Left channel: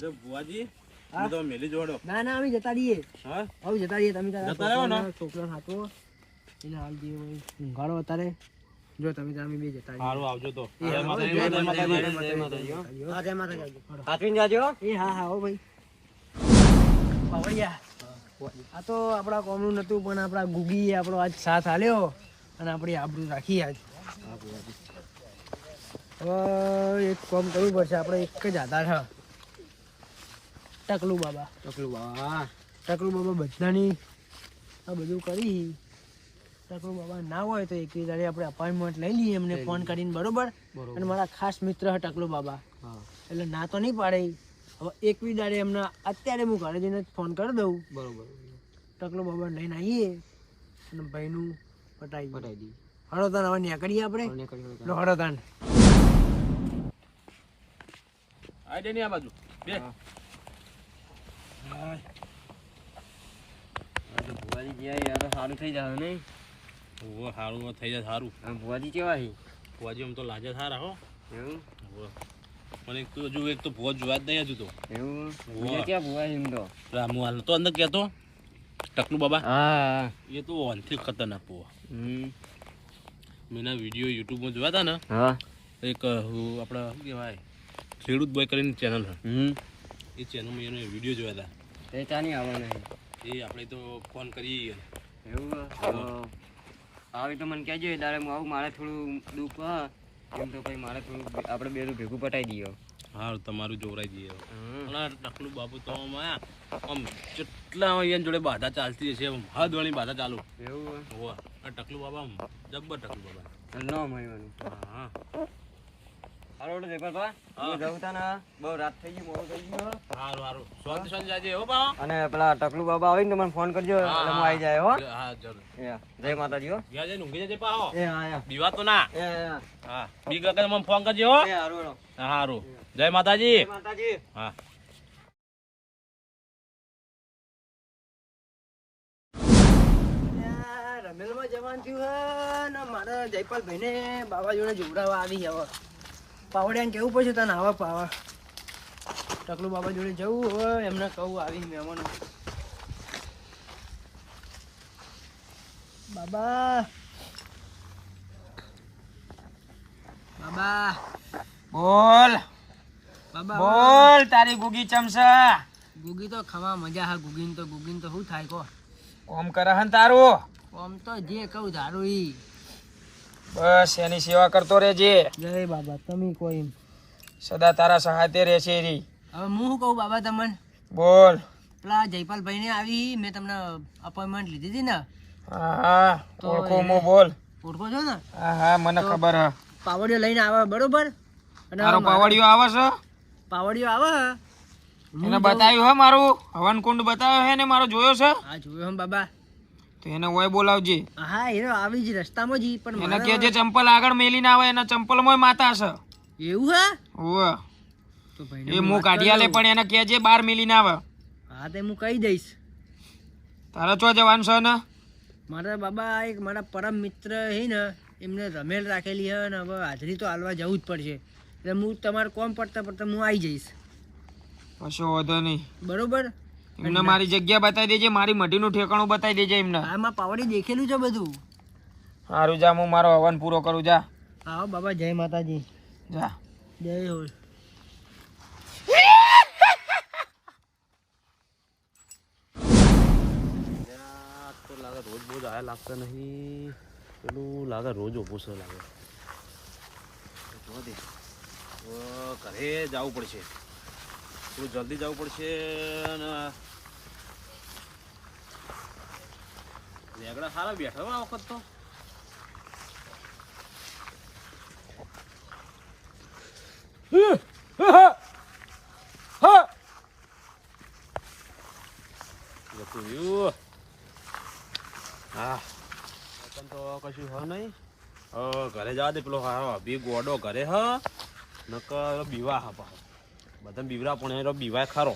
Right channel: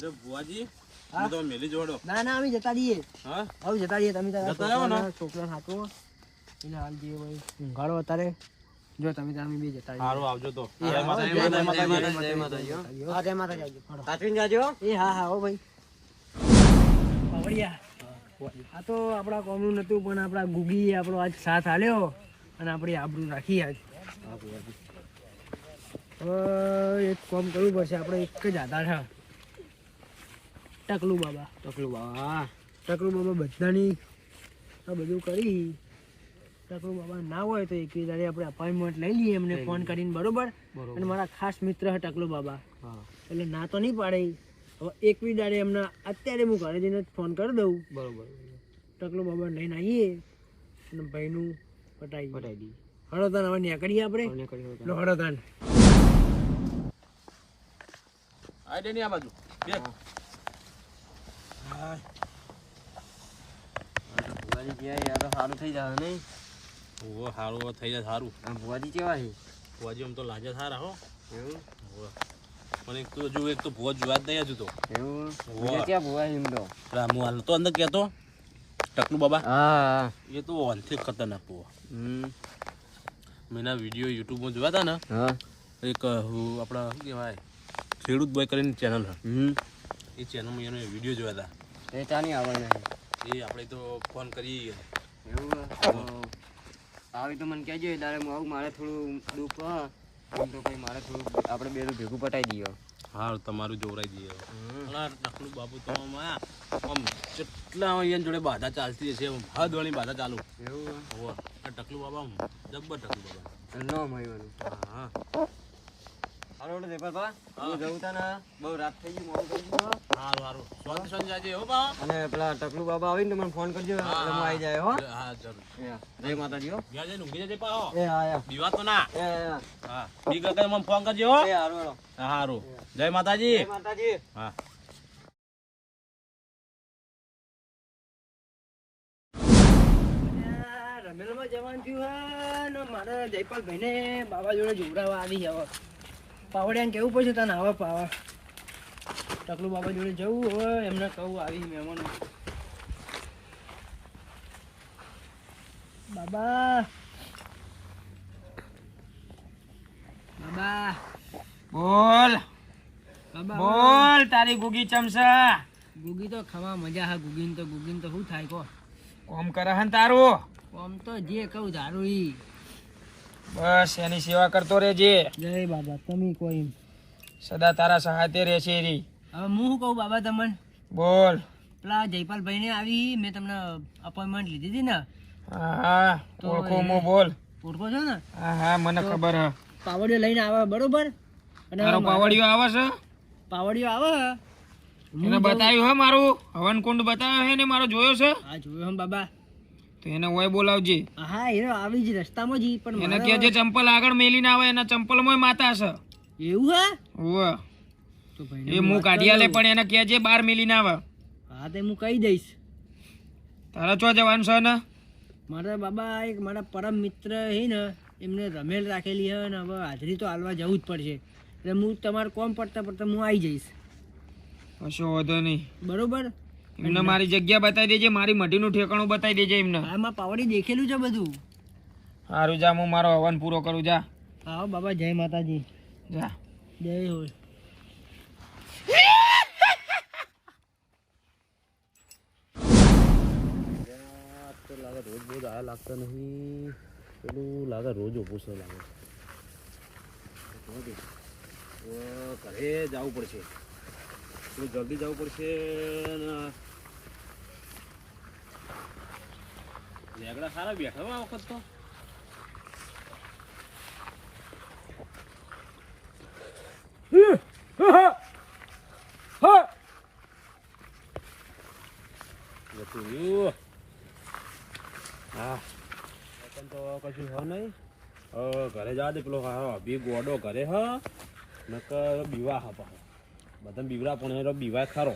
લે ભુવાજી હું? તો મેલી જોડો. ના ના અમે જતા રહીએ. હા? હવે જતા રહીએ તમે જતા રહો ને? છોકરાને- છોકરાને એને હાલ જે હોય ઊંઘાડો અત્યારે જો તમે તારા બે જતા સારું આવજો તો. જય માતાજી જય જય માતાજી. જય માતાજી, હા, જય માતાજી સાચવીને જાજો. એ હા હા હો ભાઈ. બાવળિયા. આ તો આપણા કોમનું નતું પણ આપણા ગુગીએ આપણો આજ સાથ આલ્યો અને આપણી આબરૂ રાખી આજ. હવે એક કોમ કરવું પડશે આપણે એક જ આધાર છે ટકલું બાબા. ટકલું બાબા ટકલું બાબા બધાની આ બધું કરી. ટકલું બાબા ના હોય તો એક દાડે આપણે અપોઇન્ટમેન્ટ લઈ લઈએ એમને ફોન કરીને બરોબર? અને મારા ખાસ મિત્ર છે ટકલું બાબા. એટલે ના તો નહીં પાડે. હવે એકવી દાડે એમને અત્યારે હું ઘરે જઈને ફોન કરી દઉં. બરોબર ટકલો બાબા લઈને આવીએ અને ભાઈનું પટાઈ પટાઈ દઈએ. હળોતાન હવે નીકળીએ આપણે. હળોતાન આ દે ની આ બાજુ. બે ભુવાજી ગયા યાર તો સારું થઈ જાય નહીં? ઓહો સારું થઈ જાય સારું. અને ભુવાજી કેવા છે? ભુવાજી આમ તો લાજા સારા હો. એવું. પણ એક તો હજુ એક તો ભુવા જોવા જ નહીં હજુ તો. એવું? વાહ. ક્યાં ભુવા એમ તો? હાલ તો અંદર કહેતો ટકલું બાબા. હા એ તો ઓનથી ખતરનાક ભુવા. મેં ના વીડિયો યુટ્યુબમાં જોયા હતા ને હા. એક આપણા કહેવાય ખેડૂત બોય કરીને ચેનલ હમ. એ ચેનલમાં એનો વીડિયો જોયા હતા તે ચાની આવે નહીં. એ આપણે તો ફોન કરીએ એવું આવી તો મને કહેજો તારે હું આવું મારે થોડું દુઃખ એમ તો પછી મારે થોડું આપણે બે ભેગું પટાઈ દઈએ. હા તમારું જોવરાઈ દઈએ. ટકલું બાબુ તો આમ કેટલા અહીંયા જોડે બાધા ચાલતી હશે હદ વાળી બાધા ચાલુ. એવું આ ટકલું બાબા જબ્બર ટકલું બાબા. ન મળવાનું હા. હાલો જયપાલભા હું. જવું તા ને બહુ રાત થઈ ગઈ મોડું થઈ ગયું. સારું સારું શાંતિ શાંતિ જાજે હો બા. અને પેલા ટકલું બાબા આવીને મને ફોન કરજો એટલે હું આવી જાય હો. હા જરૂર. જય માતાજી હો. ગયા જઈને ઊંઘી જજે પાહો એ હા યા. દીવા તો ના. એ એ, હા. બી ગગન મને ફોન કરજો હો. એ હારું જય માતાજી. જય માતાજી. હા. રમેલમાં જવાનું થયું હે ને મારે જયપાલભાઈને બાબા જોડે જોવડાવવા આવી હવે. પાવડિયાને કેવું પડશે તને? આવા પાવા. ટકલું બાબા જોડે જવું હવે એમને કહું આવી મહેમાનો. બાબા. બાબા. બોલ. બાબા બોલ તારી ગુગી ચમસા. ગુગી તો ખાવા મજા હા ગુગીન તો ગુગીન તો શું થાય કો? ઓમ કરે હન તારું. ઓમ તો જે કહું તારું ઈ. બસ એની સેવા કરતો રહેજે. જય બાબા તમે કોઈ સદા તારા સહાતે રહેશે રી હવે હું શું કહું બાબા તમને? બોલ. પેલા જયપાલભાઈને આવી મેં તમને અપોઇન્ટમેન્ટ લીધી હતી ને. હા તો ઓળખો મો બોલ. ઓળખો છો ને? હા હા મને ખબર હા. પાવડિયો લઈને આવે બરોબર? અને મારો પાવડિયો આવે છે? પાવડિયો આવે એને બતાવ્યું હે મારું? હવન કુંડ બતાવ્યો હે ને મારો જોયો છે? હા જોયો હમ બાબા. તો એને ઓય બોલાવજે. હા એ આવી જ રસ્તામાં જ પણ મને કે જે ચંપલ આગળ મેલીને આવે એના ચંપલમાં માતા છે એવું હે? ઓવે તો ભાઈ એ હું હું વાત કાઢી આલે કરું. પણ એને કે જે બાર મેલીને આવે. હા તે હું કહી દઈશ. તારે ચો જવાનું છે ને મારા બાબા એક મારા પરમ મિત્ર હે ને એમને રમેલ રાખેલી હે ને હવે હાજરી તો હાલવા જવું જ પડશે. એટલે હું તમારે કોમ પડતા પડતા હું આવી જઈશ. કશો વાંધો નહીં. બરોબર? એમને મારી જગ્યા બતાવી દેજે મારી મઢીનું ઠેકાણું બતાવી દેજે એમને. આમાં પાવડી દેખેલું છે બધું? સારું જા હું મારો હવન પૂરો કરું જા. આવો બાબા જય માતાજી. જા. જય હોલ લાગે રોજ રોજ આયા લાગતા નહીં. પેલું લાગે રોજ ઓપું લાગે. જોવા ઘરે જવું પડશે. થોડું જલ્દી જવું પડશે અને લેગડા સારા બેઠા આ વખત તો. તો કશું હ નહીં ઘરે જવા દે. પેલો હા બી ગોડો ઘરે હ નકર બીવા હા પા બધા બીવરા પણ બીવાય ખરો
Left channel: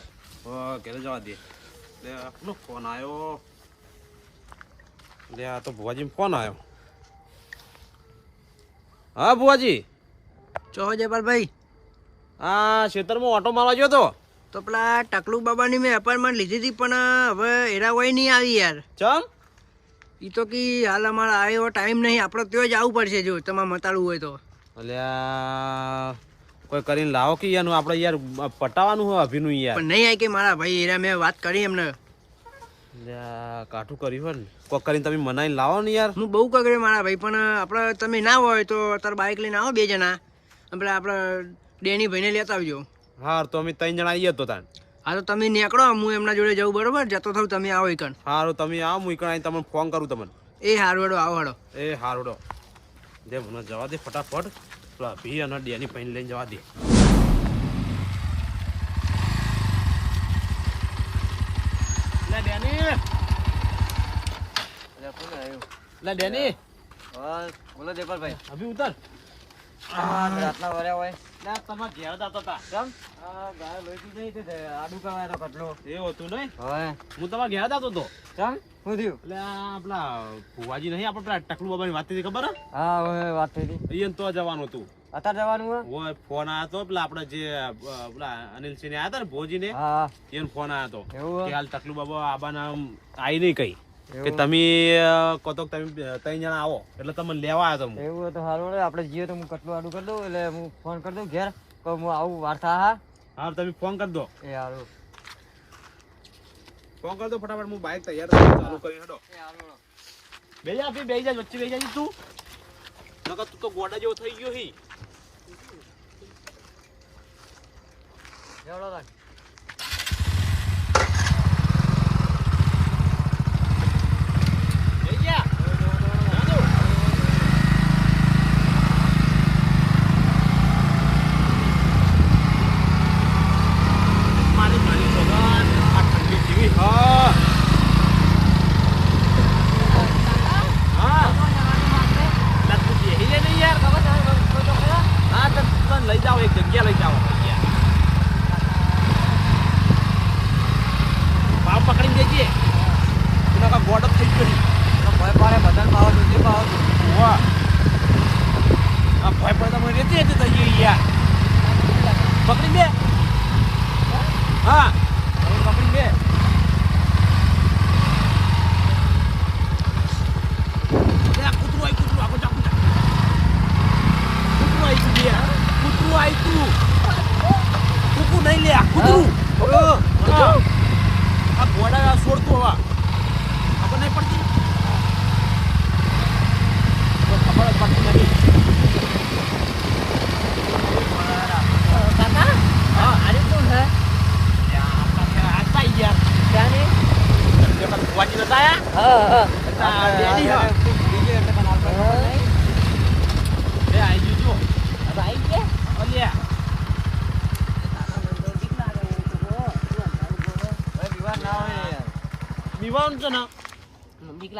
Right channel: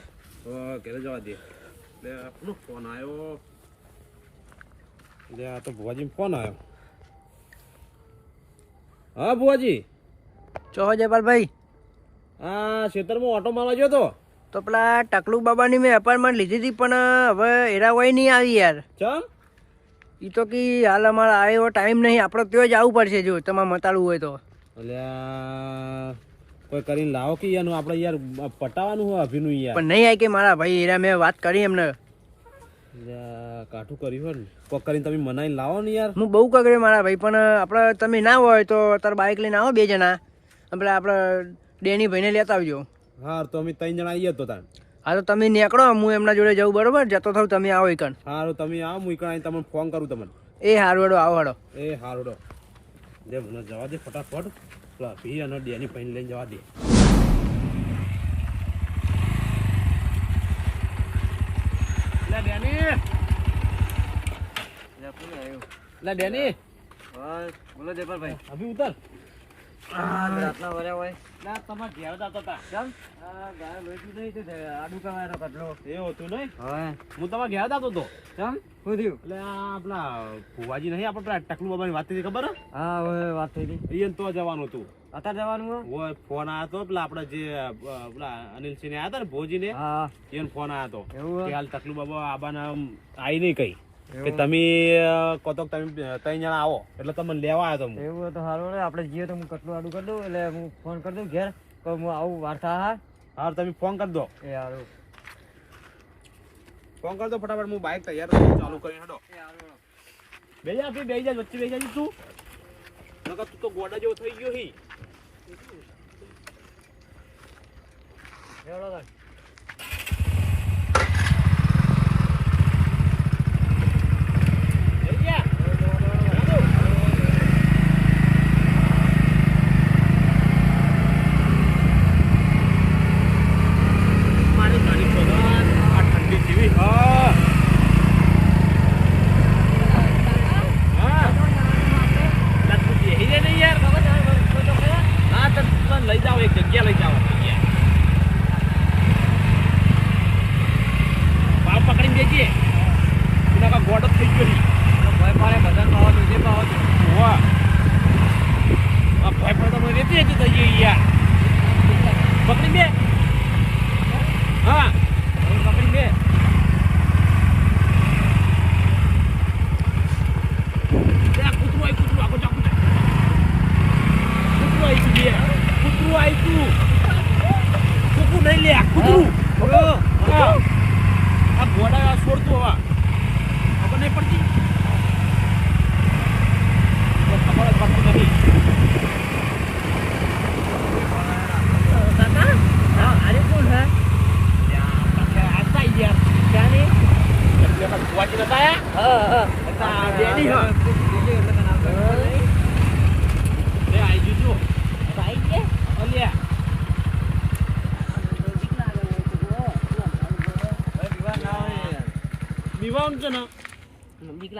ઘરે જવા દે એટલે પેલો ફોન આવ્યો લે આ તો ભુવાજી ફોન આવ્યો. હા ભુવાજી? ચો જયપાલભાઈ? હા ખેતરમાં ઓટો મારવા ગયો તો તો પેલા ટકલુ બાબાની મેં અપાર્ટમેન્ટ લીધી હતી પણ હવે એરા હોય નહીં આવી યાર. ચમ? એ તો કે હાલ અમારે આવે એવો ટાઈમ નહીં આપણે ત્યાં જ આવવું પડશે જો તમારે મતાડવું હોય તો. અલ્યા કોઈ કરીને લાવો કે યાર આપણે યાર પટાવાનું હોય અભિનું યાર. પણ નહીં આવી કે મારા ભાઈ એરા મેં વાત કરી એમને. કાઠું કર્યું હોય ને. કોક કરીને તમે મનાઈને લાવો ને યાર. હું બહુ કગડે મારા ભાઈ પણ આપણે તમે ના હોય તો તાર બાઇક લઈને આવો બે જણા. આપણે આપણે ડેની ભાઈને લેતા આવજો. હા તો અમે ત્રણ જણા આવીએ તો તાન હા તો તમે નીકળો હું એમના જોડે જવું બરોબર? જતો થાવ તમે આવો એકણ સારું તમે આવો હું એકણ આવીને તમને ફોન કરું તમને. એ હારું હેડો આવો હેડો એ હારોડો દે મને જવા દે ફટાફટ. પેલા ભી અને ડેની ભાઈને લઈને જવા દે. લે ડેની લે ડેની બોલો દેપાલભાઈ અભી ઉતર રાતના વર્યા હોય. લે તમાર ઘેર જતા હતા કેમ? ગાય લોહી નહીં તે આડું કરવાનો કટલો. એવું હતું નહીં? હવે હું તમારા ઘેર જતો હતો કેમ? શું થયું? એટલે આપણા ભુવાજી નહીં આપણે પેલા ટકલુ બાબાની વાત થઈ ખબર હા? હવે વાત થઈ હતી તો જવાનું હતું. અત્યારે જવાનું હોય? ફોન આવ્યો હતો પેલા આપણે જે પેલા અનિલસિંહ ને આવ્યા હતા ને ભોજી ને એને ફોન આવ્યો તો. ટકલુ કે હાલ તકલુ બાબા આબાના આઈ નહીં કઈ. કે તમે કોતોક તમે ત્રણ જણા આવો. એટલે તમને લેવા આવ્યો તો એવું તો સારું આપણે જઈએ તો હું કટલું આડું કરી દઉં એટલે હું ફોન કરી દઉં ઘેર. તો હું આવું વાર્તા હા હા. તમે ફોન કરી દો. એ સારું ફોન કરી દો ફટાફટ હું બાઇક તૈયાર રાખું, ચાલુ કરી હેડો. બે જા બે જા વચ્ચે બે જા તું. નકર તું તો ગોડા જેવો થઈ ગયો હી. એવડો થાય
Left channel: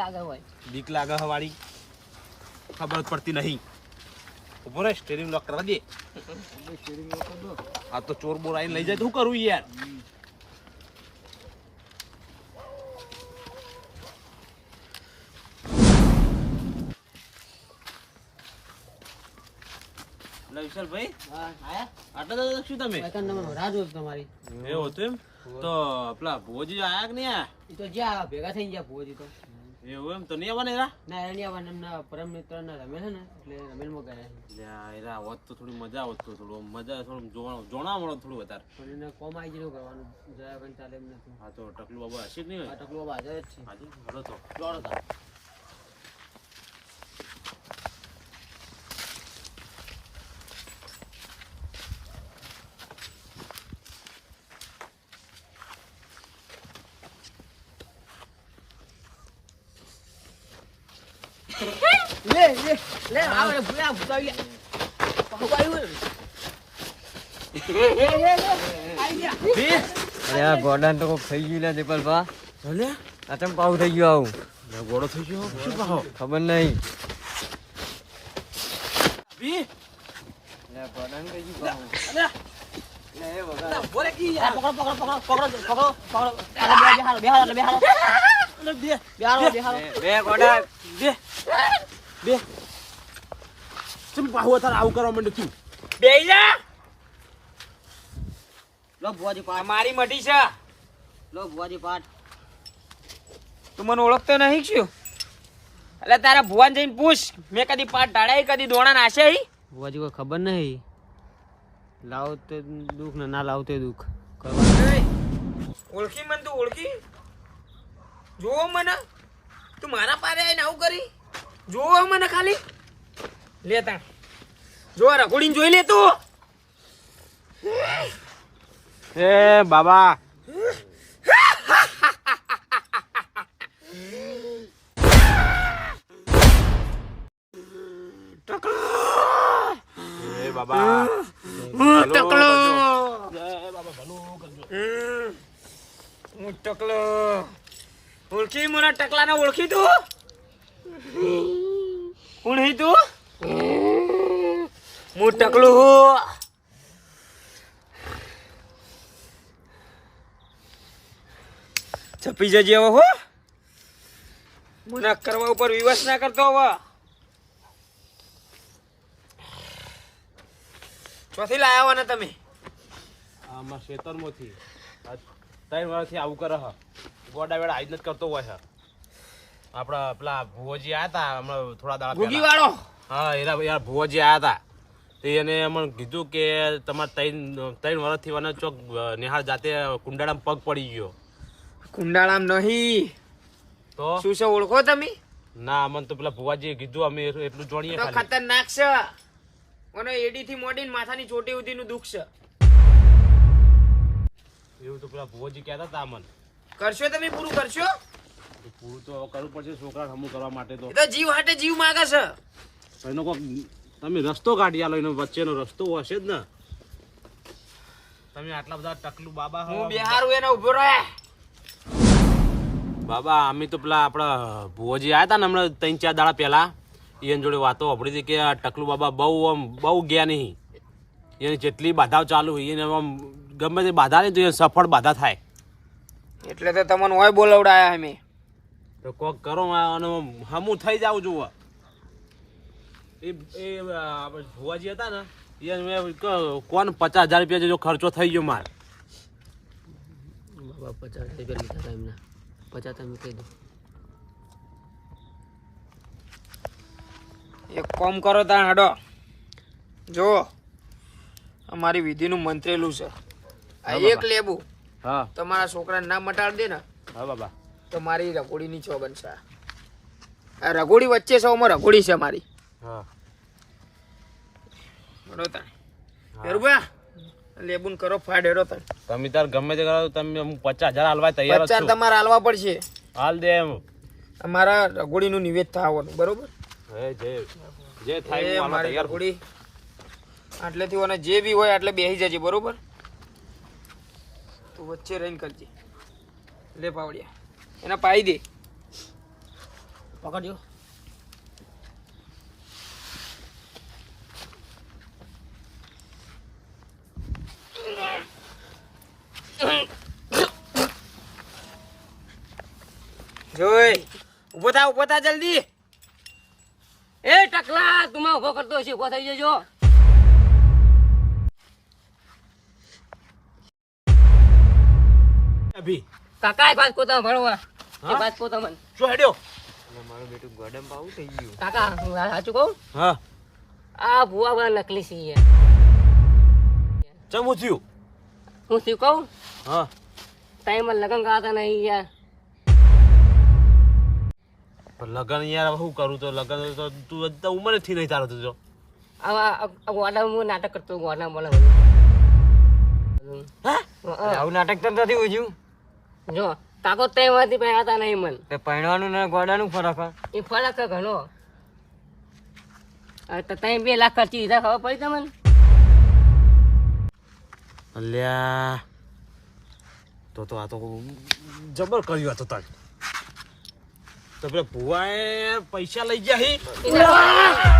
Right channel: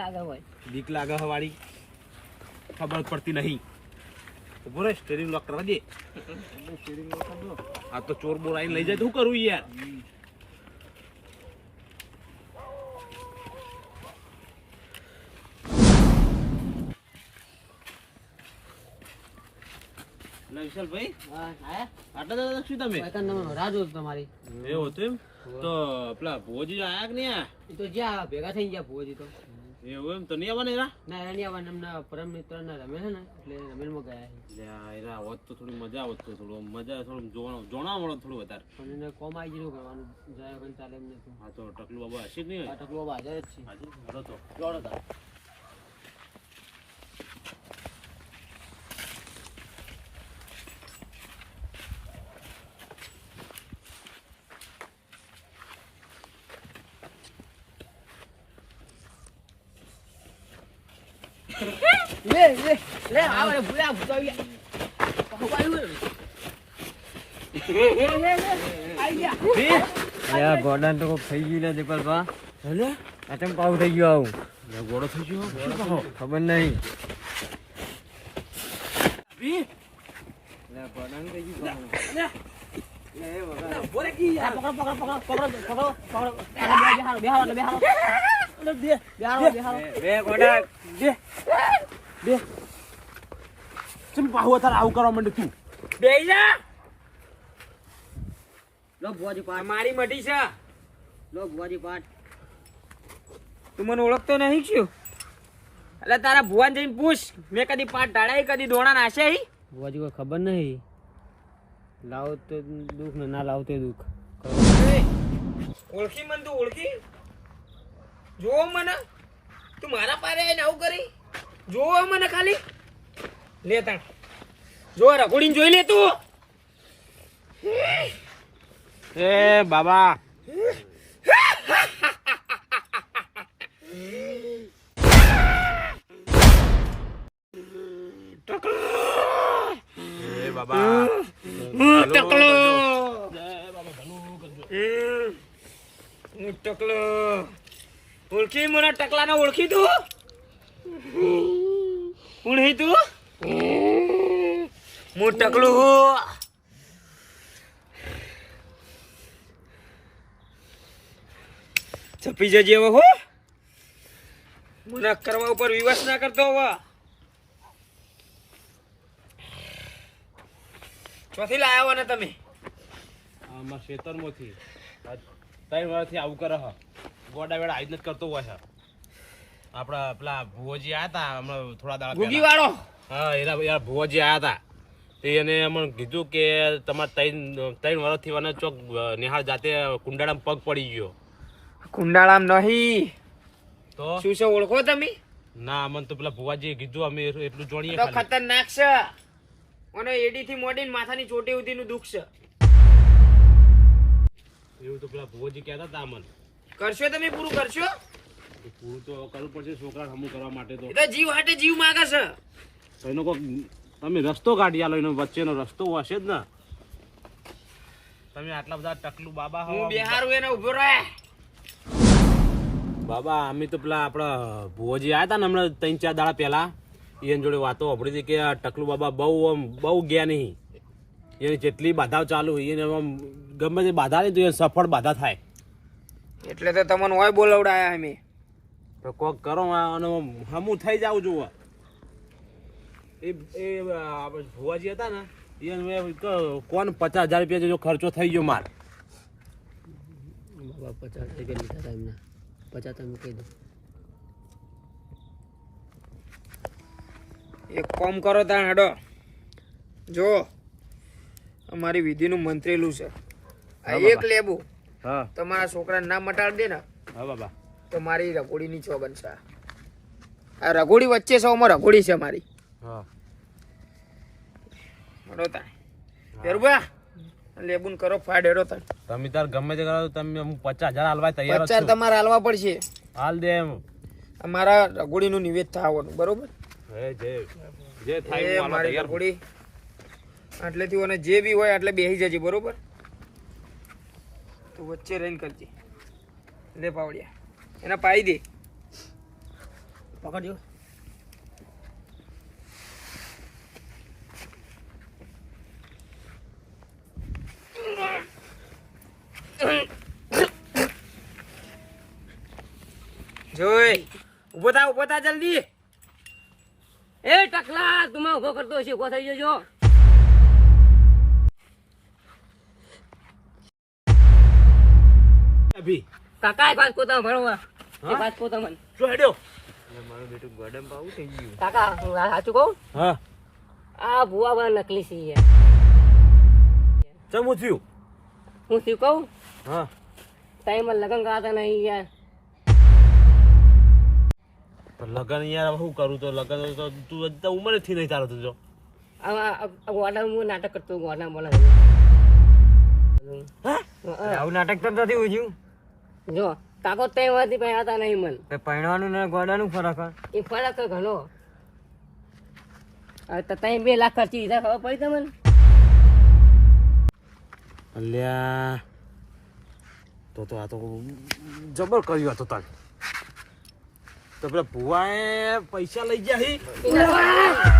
લાગે હોય. બીક લાગે ખબર જ પડતી નહીં. ઊભો રે સ્ટેરિંગ લોક કરવા દે. સ્ટેરિંગ લોક કર દો. આ તો ચોર બોર આવીને લઈ જાય તો શું કરું યાર? વિશાલભાઈ આટલા દાદા શું તમે? રાહ જોતો તમારી. એવું હતું એમ? તો પેલા ભોજ આયા કે નહીં આયા? તો જ્યાં ભેગા થઈ ગયા ભોજ તો. એવું એમ? તો નહીં આવવાના એરા? ના એની આવવાના એમના પરમ મિત્ર ના રમે છે ને એટલે રમેલમાં ગયા છે એરા હોત તો થોડી મજા આવત તો થોડું મજા થોડું જોણા મળો થોડું વધારે. પણ એને કોમ આવી ગયેલું કરવાનું. જયા વગર ચાલે એમ નથી. હા તો ટકલું બાબા હશે જ નહીં ટકલો હાજર જ છે. હાજી તો. દોડો તાર. લે આવ ભૂલા ભૂલાવી અરે આ ગોડાને તો કોક થઈ ગયું ને દીપલભા ચમ થઈ ગયો આવું? ગોળો થઈ ગયો? ખબર નહીં. બી પાવું. ગોડા. બે બે. ચમ પાહુ તાર આવું કરવા માંડે તું બે જા લો ભુવાજી પાઠ. મારી મઢી છે. લો ભુવાજી પાઠ. તું મને ઓળખતો નહીં છું? એટલે તારા ભુવાન જઈને પૂછ. મેં કદી પાટ ઢાળ્યા કદી દોણા નાશે? ભુવાજી કોઈ ખબર નહીં. લાવ તે દુઃખ ને ના લાવ તે દુઃખ. ઓળખી મને તું ઓળખી? જોવો મને. તું મારા પારે આવીને આવું કરી. જોવો મને ખાલી. લે તાણ. જો રઘોડીને જોઈ લે તું. એ બાબા. ટકલો. હું ટકલો. ઓળખી મને ટકલાને ઓળખી તું? ઓળખી તું? હું ટકલું હું છપી જજે હવે હો. મને કરવા ઉપર વિવશ ના કરતો હવે. ચોથી લાયા ને તમે? આમાં ખેતરમાંથી ત્રણ વર્ષથી આવું કરે હ. ગોડા વેડા આજ જ કરતો હોય છે આપણા પેલા ભુવોજી આયા હતા હમણાં થોડા દાડા ગુગી વાળો. હા એના યાર ભુવાજી આવ્યા હતા તે એને અમને કીધું કે તમારે ત્રણ ત્રણ વર્ષથી મને ચોક નિહાળ જાતે કુંડાળામાં પગ પડી ગયો. કુંડાળામ નહીં. તો? શું છે ઓળખો તમે? ના અમને તો પેલા ભુવાજી કીધું અમે એટલું તો ખતરનાક છે. અને એડી થી મોડીને માથાની ચોટી સુધીનું દુઃખ છે. એવું તો પેલા ભુવાજી કહેતા હતા અમને. કરશો તમે પૂરું કરશો? પૂરું તો કરવું પડશે છોકરા સમૂહ કરવા માટે તો જીવ હાટે જીવ માગે છે. તો એનો કોક તમે રસ્તો કાઢી આલો એનો વચ્ચેનો રસ્તો હશે જ ને. તમે આટલા બધા ટકલું બાબા હો. બિહારું એને ઊભો રહે. બાબા અમે તો પેલા આપણા ભુવાજી આવ્યા હતા ને હમણાં ત્રણ ચાર દાડા પહેલા એની જોડે વાતો સાંભળી હતી કે આ ટકલું બાબા બહુ આમ બહુ ગયા નહીં. એની જેટલી બાધાઓ ચાલુ હોય એને આમ ગમે તે બાધા નહીં તો એ સફળ બાધા થાય. એટલે તો તમને ઓય બોલાવડાયા અમે. તો કોક કરો આનો હમું થઈ જાવ જુઓ. એ એ આપણે ભુવાજી હતા ને એ મેં કોણ પચાસ હજાર રૂપિયા જેટલો ખર્ચો થઈ ગયો માર? બાબા પચાસ રૂપિયા લીધા હતા એમને. પચાસ તમે કહી દો એક કોમ કરો ત્યાં હડો. જો અમારી વિધિનું મંત્રેલું છે. આ હા, એક લેબું લેબુ. હા. તમારા છોકરાને ના મટાડી દે ને હા બાબા. તો મારી રઘોડીની છો. બનશે આ રઘોડી વચ્ચે છે અમાર રઘોડી છે મારી. તાણ. હેરુબા લેબુન કરો ફાડ હેરો તમે તાર ગમે તે કરો તમે પચાસ હજાર હાલવા તૈયાર જ તમારે હાલવા પડશે. હાલ દે એમ. અમારા રઘોડીનું નિવેદ થવાનું બરોબર? એ મારી રઘોડી આટલેથી અને જે બી હોય એટલે બેસી જજે બરોબર? તું વચ્ચે રહીને કરજે. લે પાવડિયા. એને પાઈ દે. પકડજો. જોઈ. ઊભો થા ઊભો થા જલ્દી. એ ટકલા તું ઊભો કરતો હશે ઊભો થઈ જજો. અભી કાકા એક વાત કોતા ભણવા એ વાત કોતા મન. શું હેડ્યો? કાકા હું સાચું કહું? હા. આ ભુવા વાળા નકલી છે. ચમું થયું હું શું કહું? હા. ટાઈમ લગન કરાતા નહીં યાર લગન યાર શું કરું? તો લગન તો તું તો ઉંમરથી નહીં તારો તો ગોડા હું નાટક કરતો ગોડા બોલે આવું નાટક તો નથી ઉજ્યું? જો કાકો તે માંથી પહેરાતા નહીં મન. તે પહેરવાનું ને ગોડાનું ફરક. એ ફરક ઘણો. તો તમે બે લાખ ખર્ચી દીધા ખબર પડી તમને? અલ્યા. તો તો આ તો જબર કર્યું હતું તને તો પેલા ભુવાએ પૈસા લઈ ગયા